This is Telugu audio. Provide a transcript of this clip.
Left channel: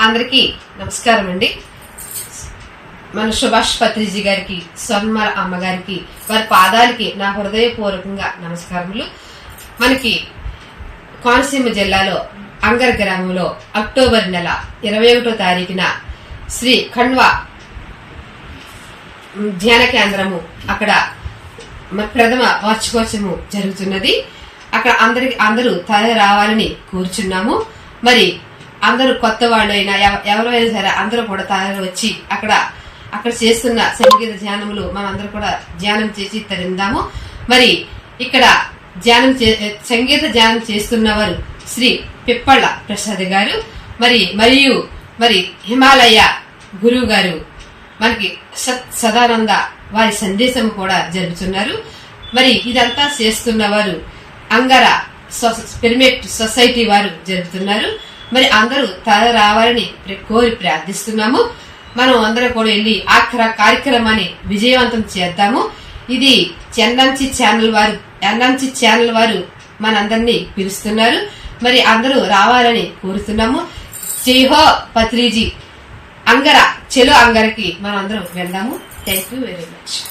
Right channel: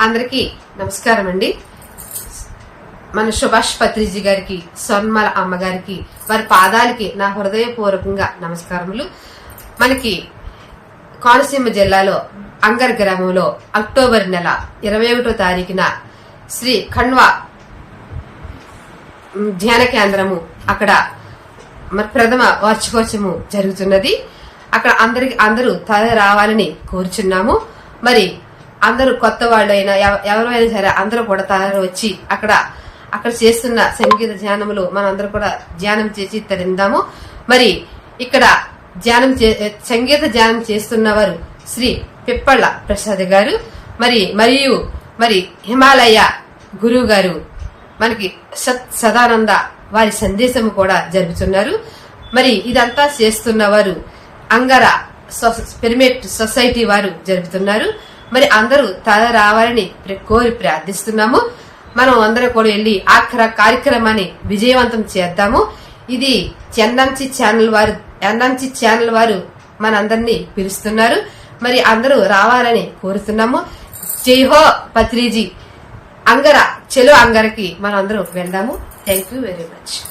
అందరికీ నమస్కారం అండి. మన సుభాష్ పత్రిజీ గారికి స్వర్ణమాల అమ్మగారికి వారి పాదాలకి నా హృదయపూర్వకంగా నమస్కారములు. మనకి కోనసీమ జిల్లాలో అంగర్ గ్రామంలో అక్టోబర్ నెల ఇరవై ఒకటో తారీఖున శ్రీ ఖండ్వా ధ్యాన కేంద్రము అక్కడ ప్రథమ వార్షికోత్సవము జరుగుతున్నది. అక్కడ అందరికి అందరూ తల రావాలని కోరుచున్నాము. మరి అందరూ కొత్త వాళ్ళైనా ఎవరైనా సరే అందరూ కూడా తయారు వచ్చి అక్కడ అక్కడ చేస్తున్న సంగీత ధ్యానములు మనం అందరూ కూడా ధ్యానం చేసి తరిందాము మరి ఇక్కడ ధ్యానం చే- సంగీత ధ్యానం చేస్తున్నవారు శ్రీ పిప్పళ్ళ ప్రసాద్ గారు మరి మరియు మరి హిమాలయ గురువు గారు మనకి సత్ సదానంద వారి సందేశం కూడా జరుపుతున్నారు. మరి ఇదంతా చేస్తున్న వారు అంగర సొ- పిరమిడ్ సొసైటీ వారు జరుపుతున్నారు. మరి అందరూ తల రావాలని కోరి ప్రార్థిస్తున్నాము. మనం అందరం కూడా వెళ్ళి ఆ క్ర- కార్యక్రమాన్ని విజయవంతం చేద్దాము. ఇది చెన్నంచి ఛానల్ వారు ఎన్నంచి ఛానల్ వారు మనందరినీ పిలుస్తున్నారు. మరి అందరూ రావాలని కోరుతున్నాము. జైహో పత్రిజీ. అంగర చెలో అంగరకి మనందరం వెళ్దాము. Thank you very much